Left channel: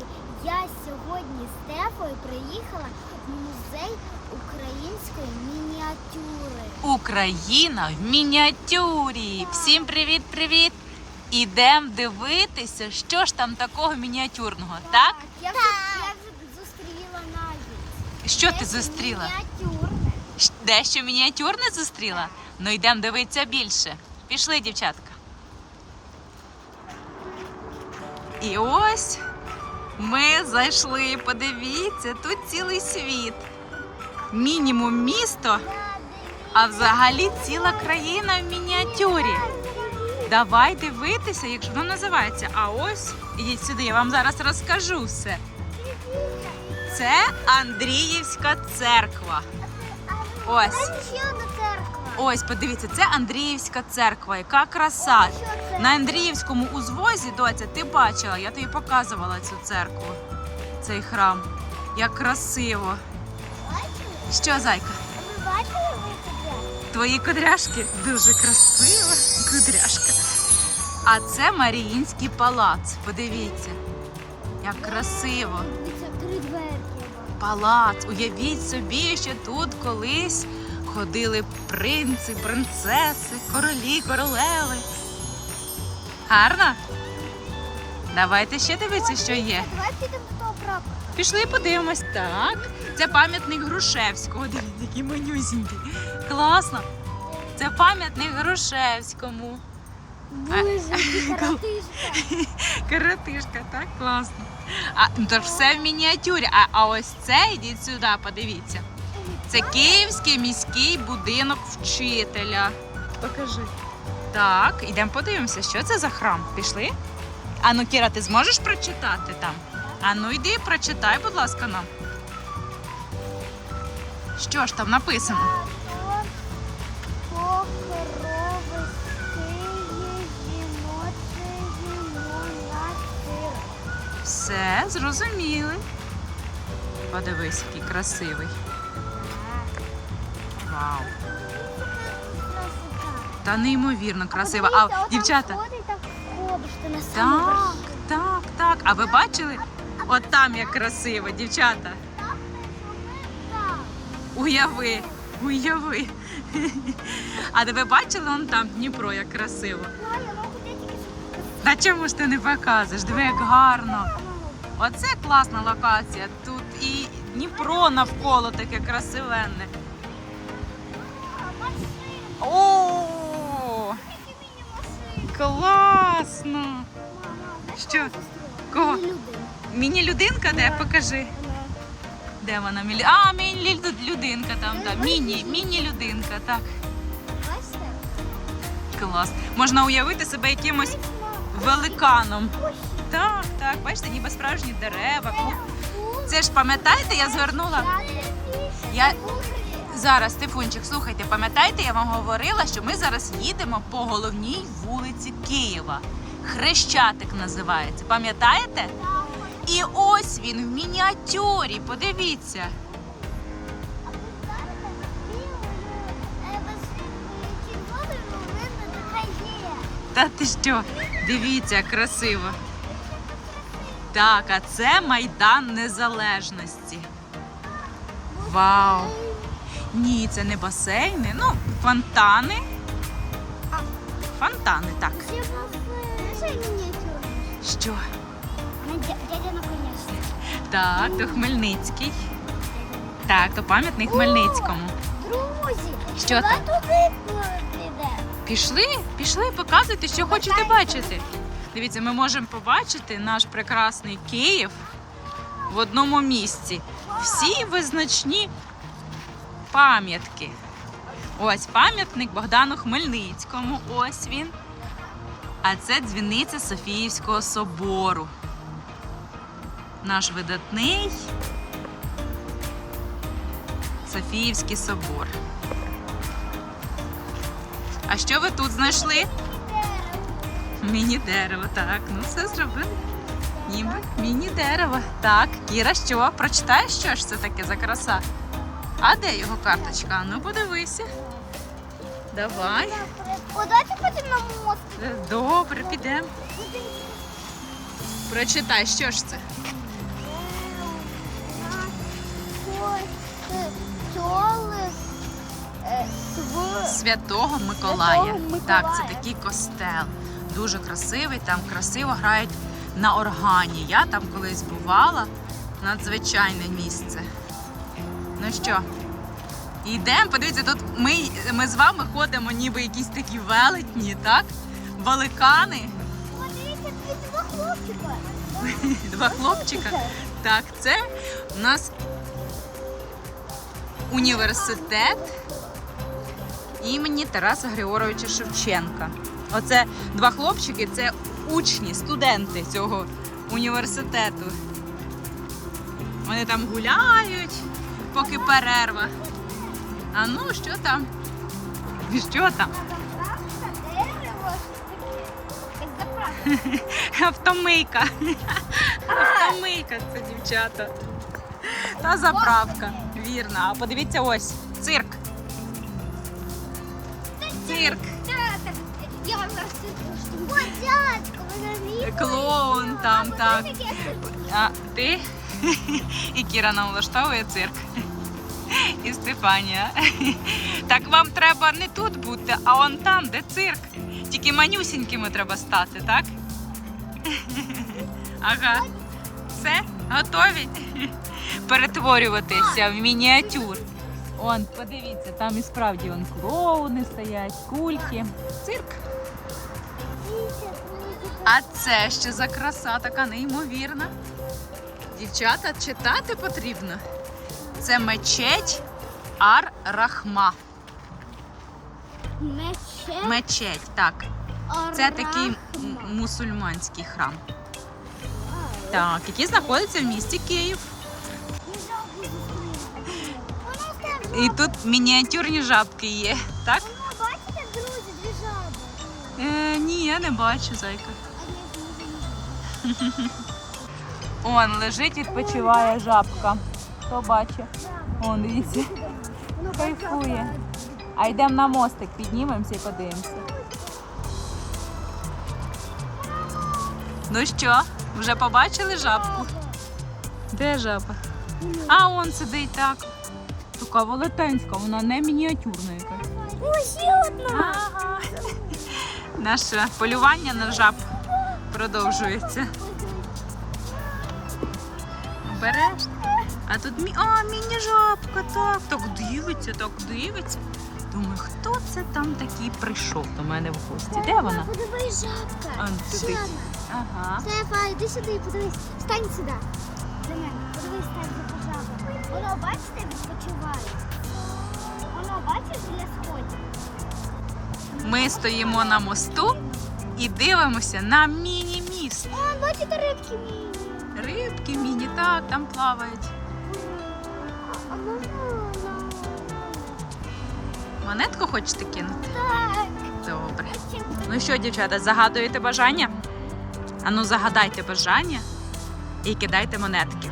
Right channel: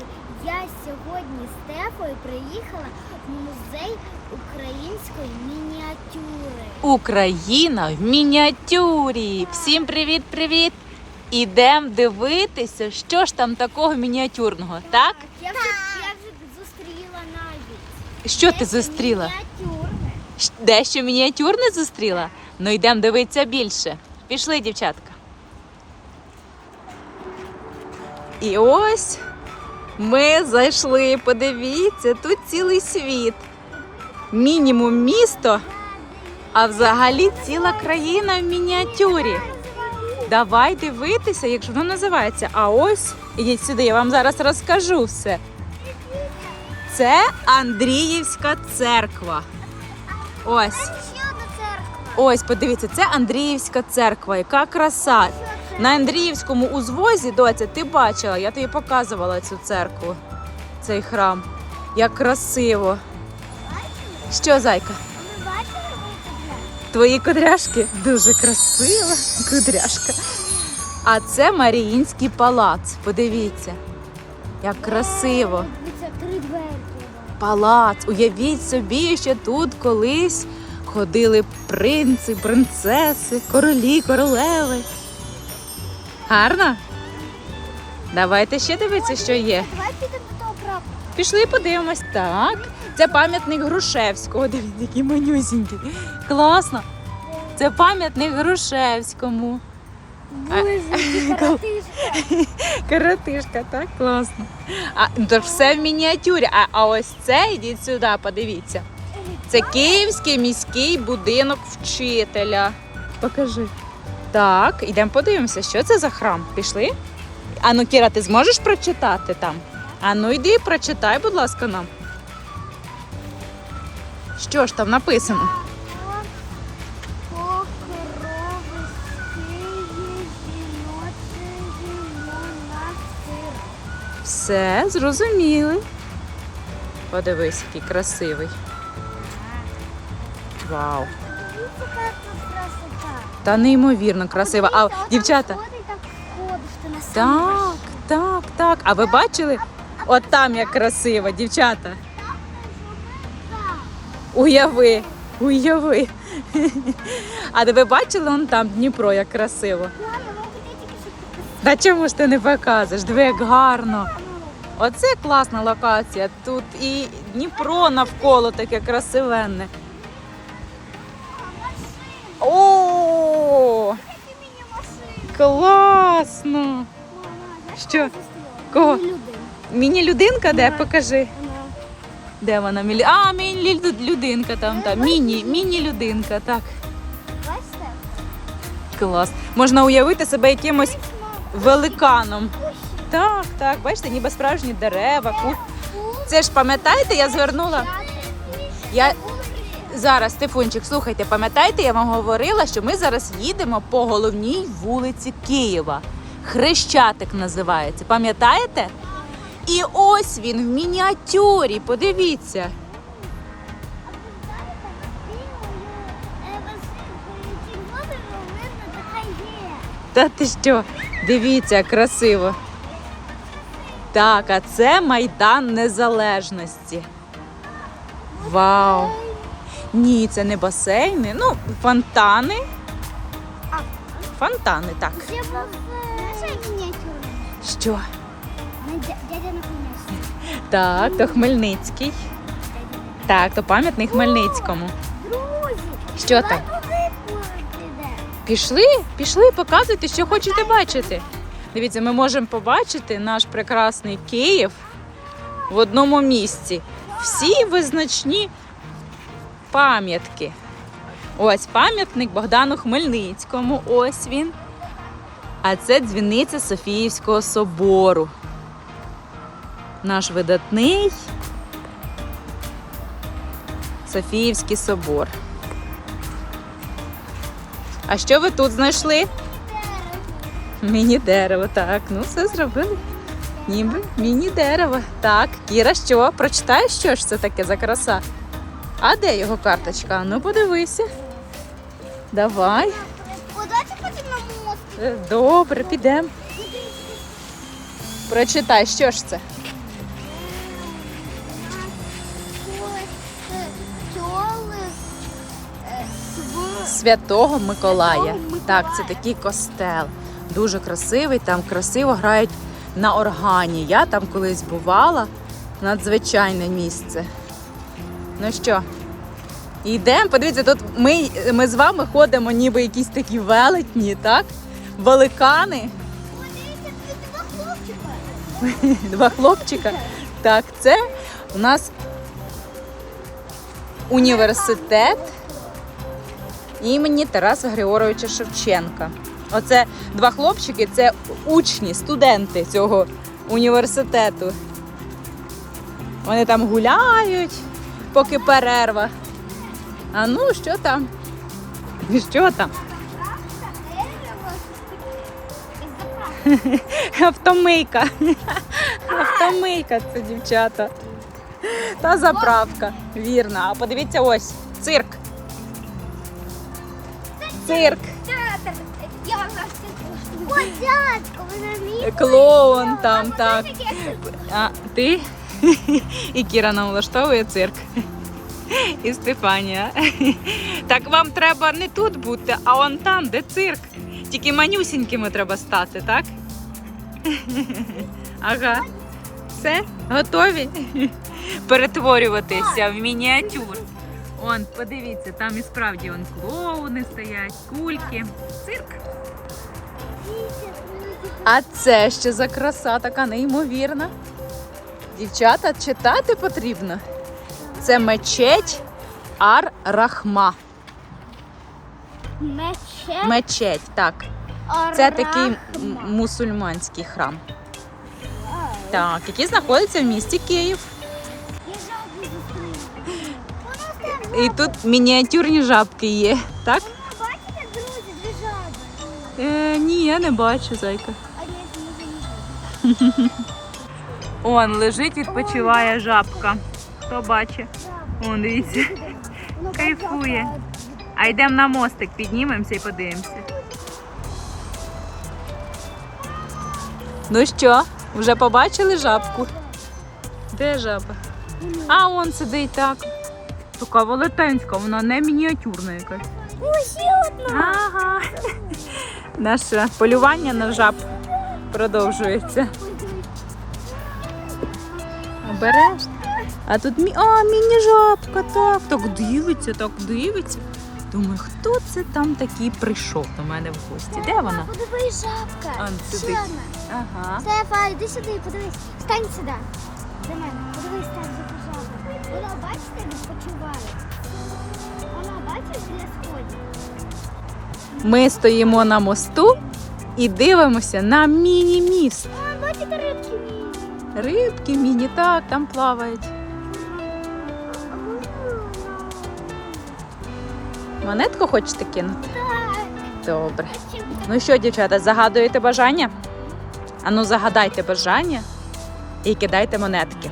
друзі, я сьогодні з Стефою приїхала в музей української мініатюри. Україна в мініатюрі. Всім привіт-привіт! Ідемо дивитися, що ж там такого мініатюрного, так? Я вже, я вже зустріла навіть. Що ти зустріла? Мініатюрне. Дещо мініатюрне зустріла? Ну йдемо дивитися більше. Пішли, дівчатка. І ось ми зайшли. Подивіться, тут цілий світ. Мінімум місто, а взагалі ціла країна в мініатюрі. Давай дивитися, якщо воно називається. А ось ідіть сюди, я вам зараз розкажу все. Це Андріївська церква. Ось, ось, подивіться, це Андріївська церква. Яка краса. На Андріївському узвозі, доця, ти бачила, я тобі показувала цю церкву, цей храм. Як красиво. Що, зайка? Твої кудряшки дуже красива кудряшка. А це Маріїнський палац. Подивіться, як красиво. Палац. Уявіть собі, що тут колись ходили принци, принцеси, королі, королеви. Гарно? Давайте ще дивитися, що є. Давай підемо до того прапора. Пішли подивимось. Так. Це пам'ятник Грушевського. Дивіться, який манюсінький. Класно. Це пам'ятник Грушевському. Боже, які. Коротишка, так класно. А ну, то все в мініатюрі. А, а ось це йдіть сюди, подивіться. Це Київський міський будинок вчителя. Покажи. Так, йдемо подивимося, що це за храм. Пішли? А ну, Кіра, ти зможеш прочитати там? А ну йди, прочитай, будь ласка, нам. Що ж там написано? Все, зрозуміли. Подивись, який красивий. Вау. Та неймовірно красиво. А дівчата, так, так, так. А ви бачили? От там як красиво, дівчата. Уяви, уяви. А ви бачили он там Дніпро, як красиво? Та чому ж ти не показуєш? Диви, як гарно. Оце класна локація. Тут і Дніпро навколо таке красивенне. Класно! Що? Кого? Міні-людинка де? Покажи. Де вона? Мілі... А, міні-людинка там, там. Міні, міні-людинка, так. Клас. Можна уявити себе якимось великаном. Так, так, бачите, ніби справжні дерева. Це ж пам'ятаєте, я звернула. Я зараз, Стефунчик, слухайте, пам'ятаєте, я вам говорила, що ми зараз їдемо по головній вулиці Києва. Хрещатик називається. Пам'ятаєте? І ось він в мініатюрі. Подивіться. Та ти що? Дивіться, красиво. Так, а це Майдан Незалежності. Вау! Ні, це не басейни, ну, фонтани. Фонтани, так. Що? Дядя наконец. Так, то Хмельницький. Так, то пам'ятник Хмельницькому. Друзі, Що там? Пішли, пішли, показуйте, що хочете бачити. Дивіться, ми можемо побачити наш прекрасний Київ в одному місці. Всі визначні пам'ятки. Ось пам'ятник Богдану Хмельницькому. Ось він. А це дзвіниця Софіївського собору. Наш видатний Софіївський собор. А що ви тут знайшли? Міні-дерево, так. Ну, все зробили. Ніби міні-дерево. Так, Кіра, що? Прочитаєш, що ж це таке за краса? А де його карточка? Ну подивися. Давай. Е, добре, підемо. Прочитай, що ж це? Святого Миколая. Так, це такий костел. Дуже красивий, там красиво грають на органі. Я там колись бувала надзвичайне місце. Ну що, йдемо. Подивіться, тут ми, ми з вами ходимо, ніби якісь такі велетні, так? Великани. Два хлопчика. Так, це у нас університет імені Тараса Григоровича Шевченка. Оце два хлопчики, це учні, студенти цього університету. Вони там гуляють, поки перерва. А ну, що там? Що там? Автомийка. Автомийка це дівчата. Та заправка. Вірно. А подивіться ось цирк. Цирк. Клоун там, так. А ти? І Кіра нам влаштовує цирк. І Стефанія. Так вам треба не тут бути, а он там, де цирк. Тільки манюсінькими треба стати, так? Ага. Все, готові? Перетворюватися в мініатюр. Он, подивіться, там і справді он клоуни стоять, кульки. Цирк. А це що за краса така неймовірна. Дівчата, читати потрібно. Це мечеть Ар-Рахма. Мече. Мечеть, так. Це такий мусульманський храм. Так, який знаходиться в місті Київ. І тут мініатюрні жабки є, так? Бачите, друзі, дві жаби? Е, ні, я не бачу, зайка. А я не знаю. Он лежить, відпочиває жабка. Хто бачить? Он, дивіться. Кайфує. А йдемо на мостик, піднімемося і подивимося. Ну що, вже побачили жабку? Де жаба? А, он сидить так. Така велетенська, вона не мініатюрна якась. Одна. Ага. Наше полювання на жаб продовжується. Береш? А тут мі... а, міні-жабка, так. Так дивиться, так дивиться. Думаю, хто це там такий прийшов до мене в гості? Де вона? Подивись, шапка. А, сидить. Ага. Стефа, йди сюди, подивись. Стань сюди. До мене. Подивись, там за жаба. Воно, бачите, відпочиває. Воно, бачиш, біля сходів. Ми стоїмо на мосту і дивимося на міні-міст. Міні, так, там плавають. Монетку хочете кинути? Добре. Ну що, дівчата, загадуєте бажання? Ану, загадайте бажання і кидайте монетки.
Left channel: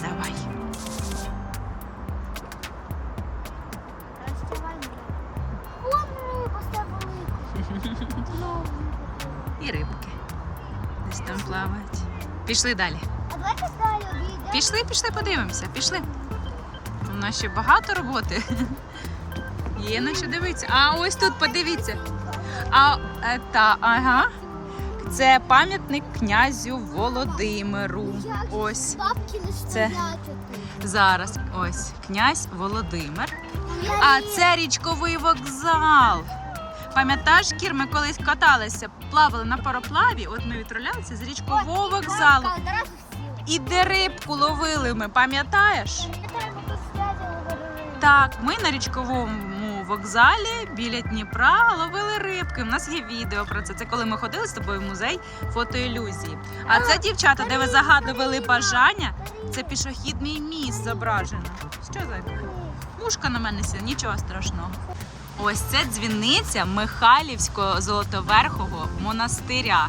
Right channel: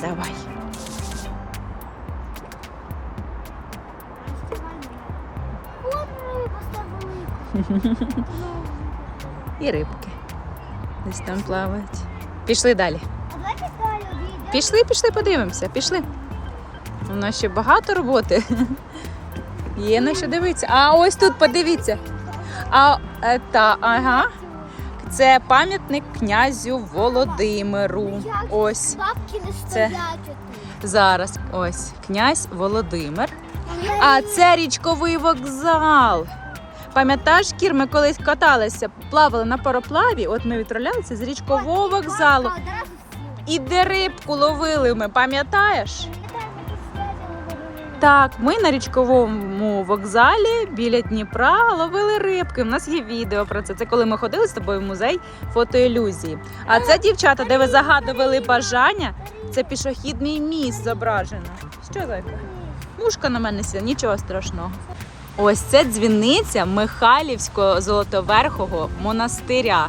Давай. І рибки. Десь там плавають. Пішли далі. Пішли, пішли, подивимося. Пішли. У нас ще багато роботи. Є на що дивитися. А ось тут подивіться. А е, та, ага. Це пам'ятник князю Володимиру. Ось Це- зараз. Ось князь Володимир. А це річковий вокзал. Пам'ятаєш, Кір, ми колись каталися, плавали на пароплаві, от ми відправлялися з річкового вокзалу. І де рибку ловили ми, пам'ятаєш? Так, ми на річковому вокзалі біля Дніпра ловили рибки. У нас є відео про це. Це коли ми ходили з тобою в музей фотоілюзії. А це дівчата, де ви загадували бажання, це пішохідний міст зображено. Що так? Мушка на мене сіла, нічого страшного. Ось це дзвіниця Михайлівського золотоверхого монастиря.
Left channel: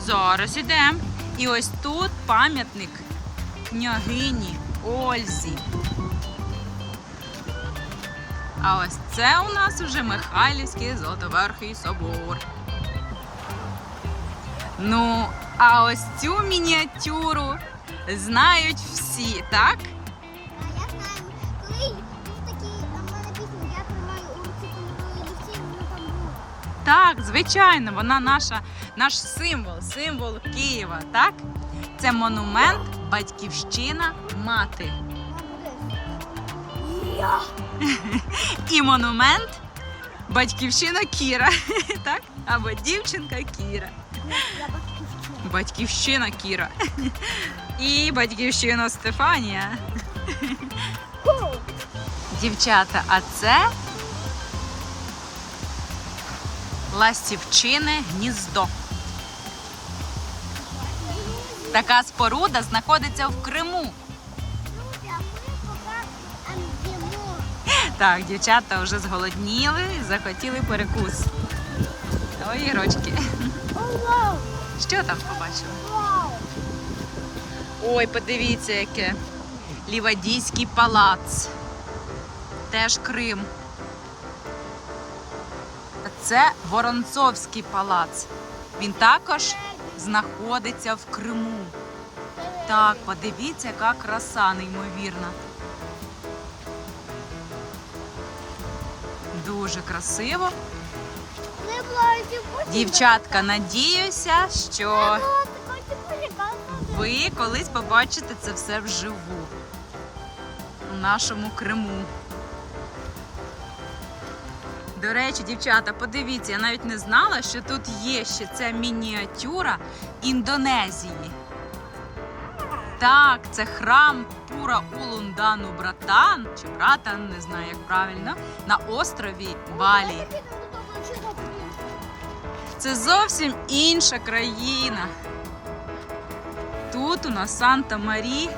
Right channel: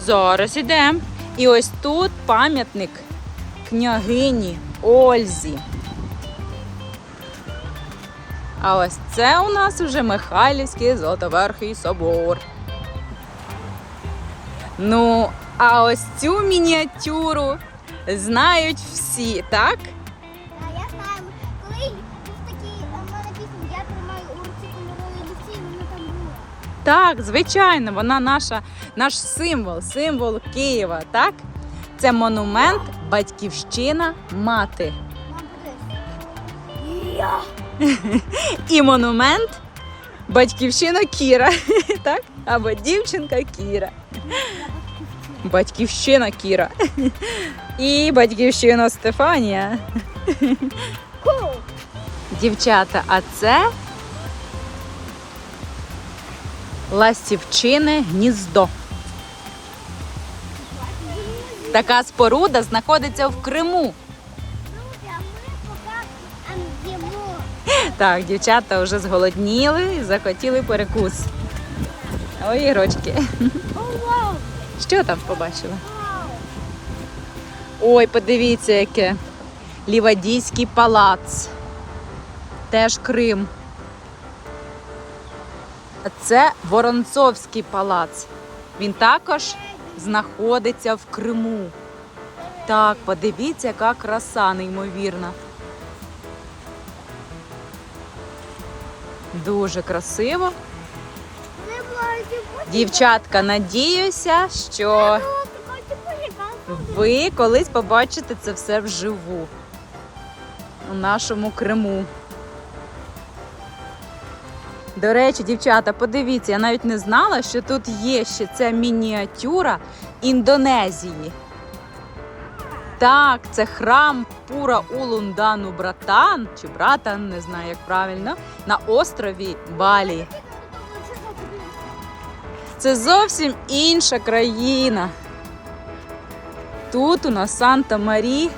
Зараз ідемо. І ось тут пам'ятник княгині Ользі. А ось це у нас уже Михайлівський Золотоверхий собор. Ну, а ось цю мініатюру знають всі, так? Так, звичайно, вона наша, наш символ, символ Києва, так? Це монумент Батьківщина мати. Я. І монумент Батьківщина Кіра, так? Або дівчинка Кіра. Батьківщина. Кіра. І батьківщина Стефанія. Дівчата, а це Ластівчине гніздо. Така споруда знаходиться в Криму. Так, дівчата вже зголодніли і захотіли перекус. Ой, ірочки. Що там побачили? Ой, подивіться, яке. Лівадійський палац. Теж Крим. Це Воронцовський палац. Він також знаходиться в Криму. Так, подивіться, яка краса неймовірна. Дуже красиво. Дівчатка, надіюся, що ви колись побачите це все вживу у нашому Криму. До речі, дівчата, подивіться, я навіть не знала, що тут є ще ця мініатюра Індонезії. Так, це храм Пура Улундану Братан, чи Братан, не знаю, як правильно, на острові Балі. Це зовсім інша країна. Тут у нас Санта Марі,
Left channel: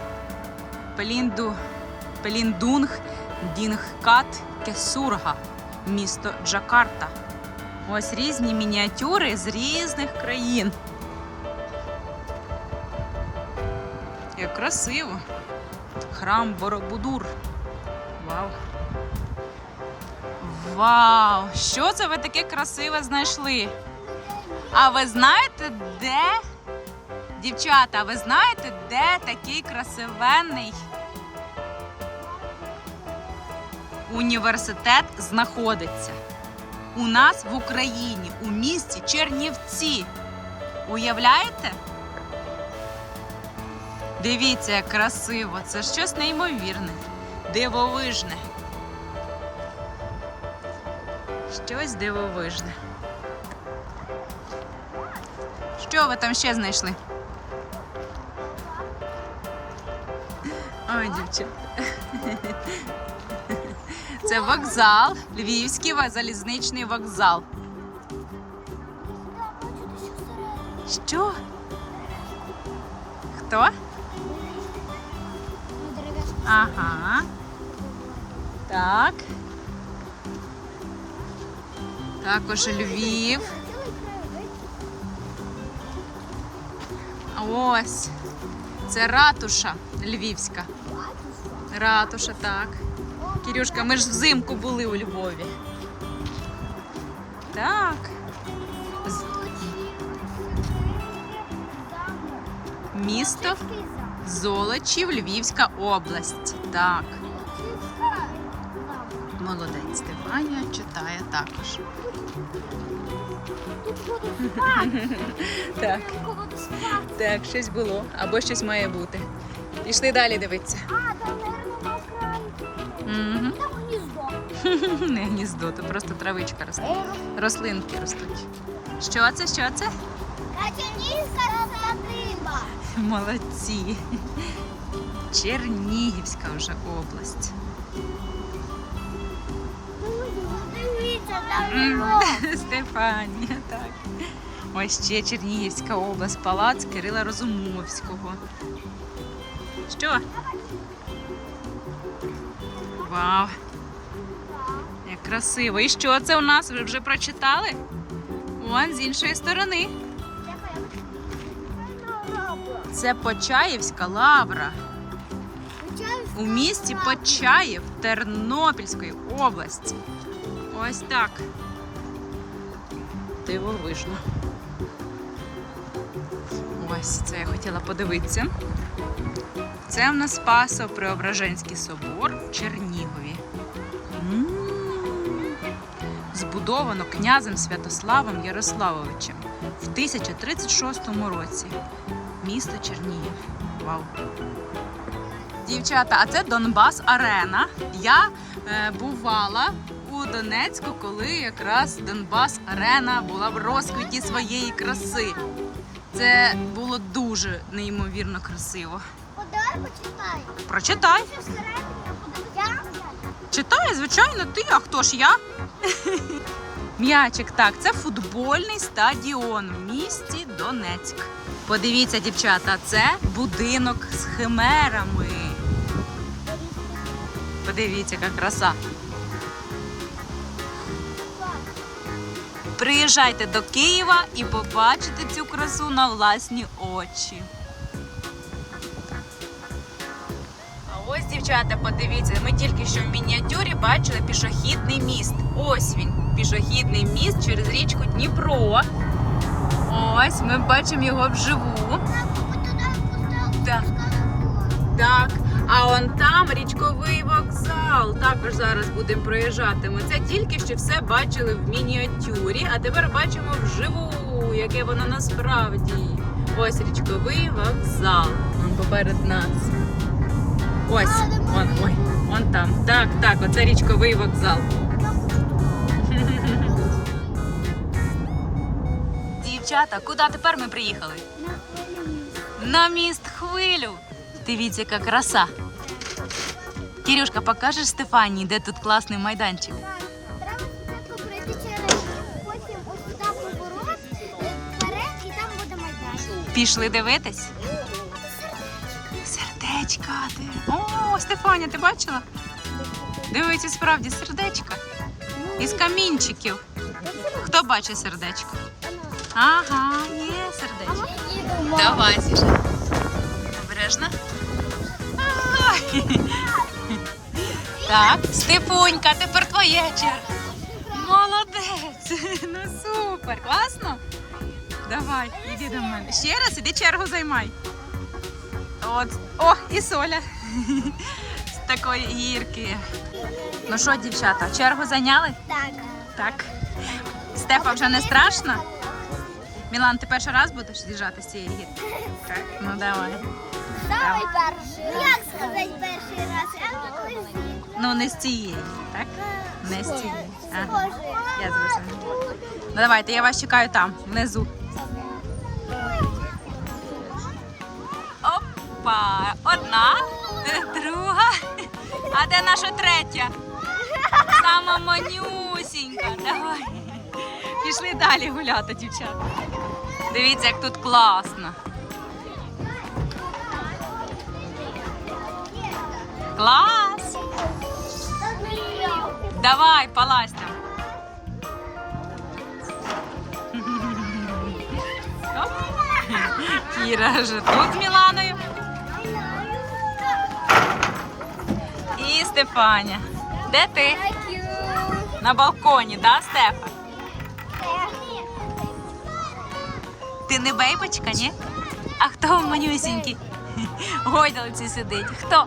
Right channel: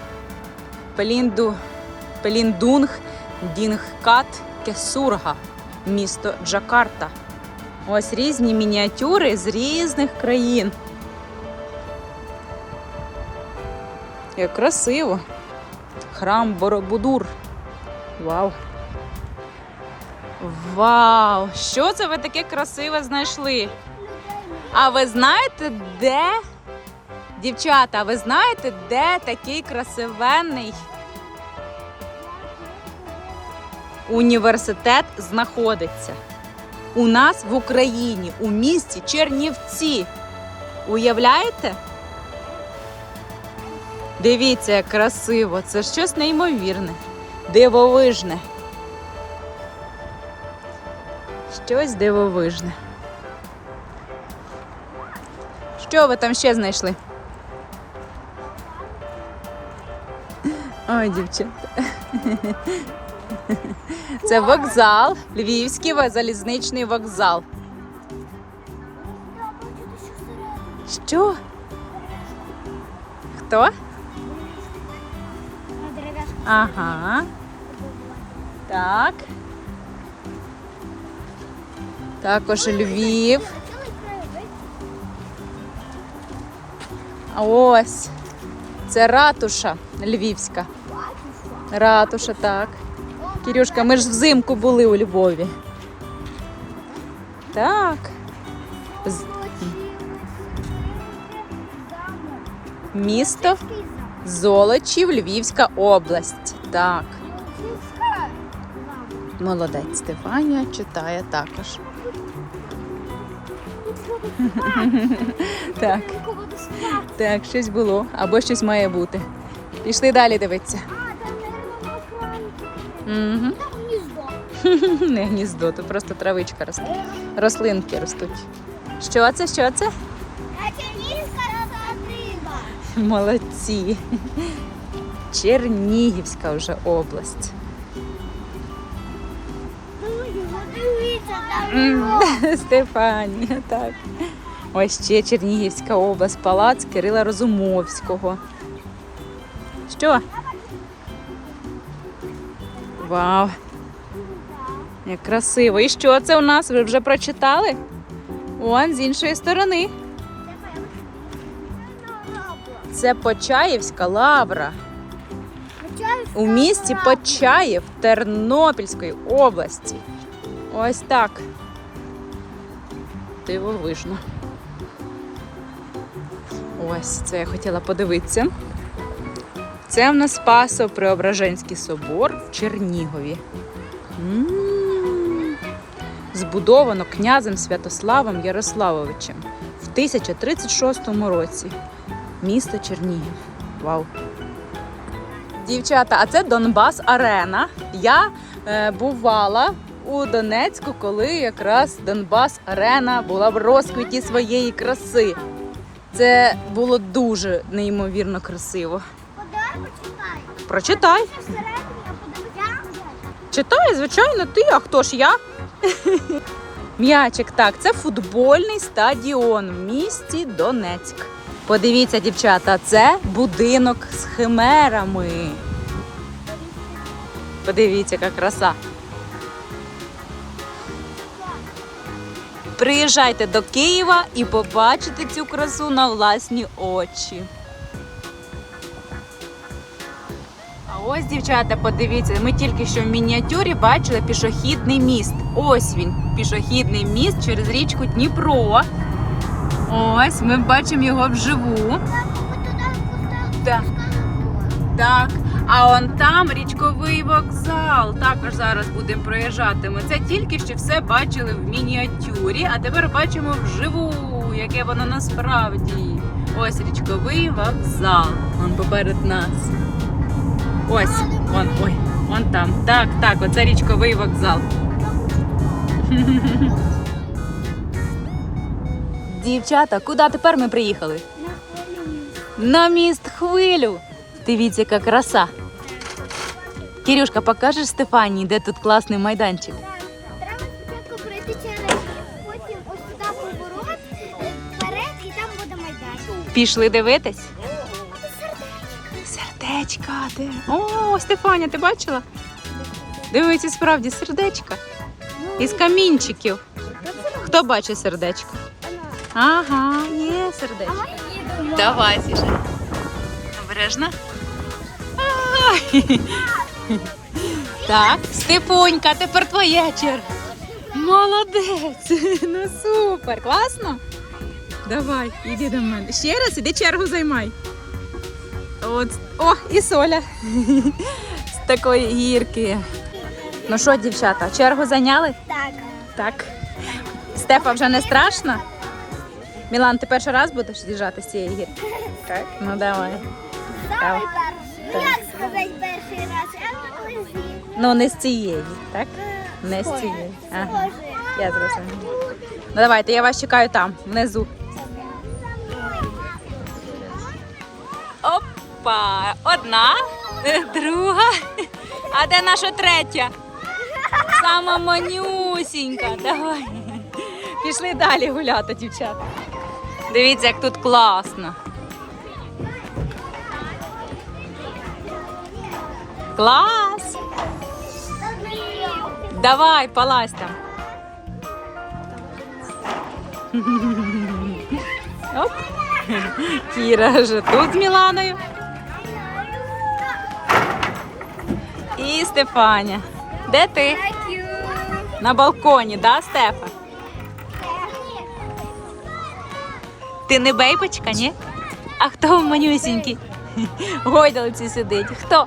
Пелінду, Пеліндунг, Дінгкат, Кесурга, місто Джакарта. Ось різні мініатюри з різних країн. Як красиво. Храм Боробудур. Вау. Вау! Що це ви таке красиве знайшли? А ви знаєте, де Дівчата, ви знаєте, де такий красивенний університет знаходиться? У нас в Україні, у місті Чернівці. Уявляєте? Дивіться, як красиво. Це щось неймовірне, дивовижне. Щось дивовижне. Що ви там ще знайшли? Ой, дівчата. Це вокзал, Львівський залізничний вокзал. Що? Хто? Ага. Так. Також Львів. Ось. Це ратуша львівська. Ратуша, так. Кирюшка, ми ж взимку були у Львові. Так. Місто Золочів, Львівська область. Так. Молодець Стефанія читає також. Так. Так, щось було, або щось має бути. Пішли далі дивитися. Угу. там гніздо. Не гніздо, то просто травичка росте. Рослинки ростуть. Що це? Що це? Чернігівська риба. Молодці. Чернігівська вже область. Стефанія, так. Ось ще Чернігівська область, палац Кирила Розумовського. Що? Вау, як красиво. І що це у нас? Ви вже прочитали? Вон з іншої сторони. Це Почаївська лавра у місті Почаїв Тернопільської області. Ось так. Дивовижно. Ось це я хотіла подивитися. Це в нас Спасо Преображенський собор в Чернігові. Збудовано князем Святославом Ярославовичем в 1036 році. Місто Чернігів. Вау! Дівчата, а це Донбас Арена. Я е, бувала у Донецьку, коли якраз Донбас Арена була в розквіті своєї краси. Це було дуже неймовірно красиво. Прочитай. Читай, звичайно, ти, а хто ж я? М'ячик, так, це футбольний стадіон в місті Донецьк. Подивіться, дівчата, це будинок з химерами. Подивіться, яка краса. Приїжджайте до Києва і побачите цю красу на власні очі. Ось, дівчата, подивіться, ми тільки що в мініатюрі бачили пішохідний міст. Ось він, пішохідний міст через річку Дніпро. Ось ми бачимо його вживу. Так. Так. А он там річковий вокзал. Також зараз будемо проїжджати. Ми це тільки що все бачили в мініатюрі, а тепер бачимо вживу, яке воно насправді. Ось річковий вокзал. Он поперед нас. Ось, он, ой, он там. Так, так, оце річковий вокзал. Дівчата, куди тепер ми приїхали? На міст хвилю. Дивіться, яка краса. Кирюшка, покажеш Стефанії, де тут класний майданчик? Треба спочатку пройти через потім ось туди поворот, е, вперед і там буде майданчик. Пішли дивитись? Сердечка. Де? О, Стефаня, ти бачила? Дивіться, справді сердечка. Із камінчиків. Хто бачить сердечко? Ага, є сердечко. Давай, сіжай. Обережно. Так, Стефунька, тепер твоя черга. Молодець. Ну супер, класно. Давай, іди до мене. Ще раз іди чергу займай. От. О, і соля. З такої гірки. Ну що, дівчата, чергу зайняли? Так. Так. Стефа вже не страшно? Мілан, ти перший раз будеш з'їжджати з цієї гірки? Так. Ну давай. Самий перший. Ну як сказати перший раз? Ну не з цієї, так? Не з цієї. Ага. Я зрозуміла. Ну давайте, я вас чекаю там, внизу. Опа! Одна, е, друга. А де наша третя? Сама манюсінька. Давай. Пішли далі гуляти, дівчата. Дивіться, як тут класно. Клас! Давай, палась там. Оп. Кіра вже тут з Міланою. І Стефаня. Де ти? На балконі, да, Стефа? Ти не бейбочка, ні? А хто в манюсінький? Гойдалці сидить. Хто?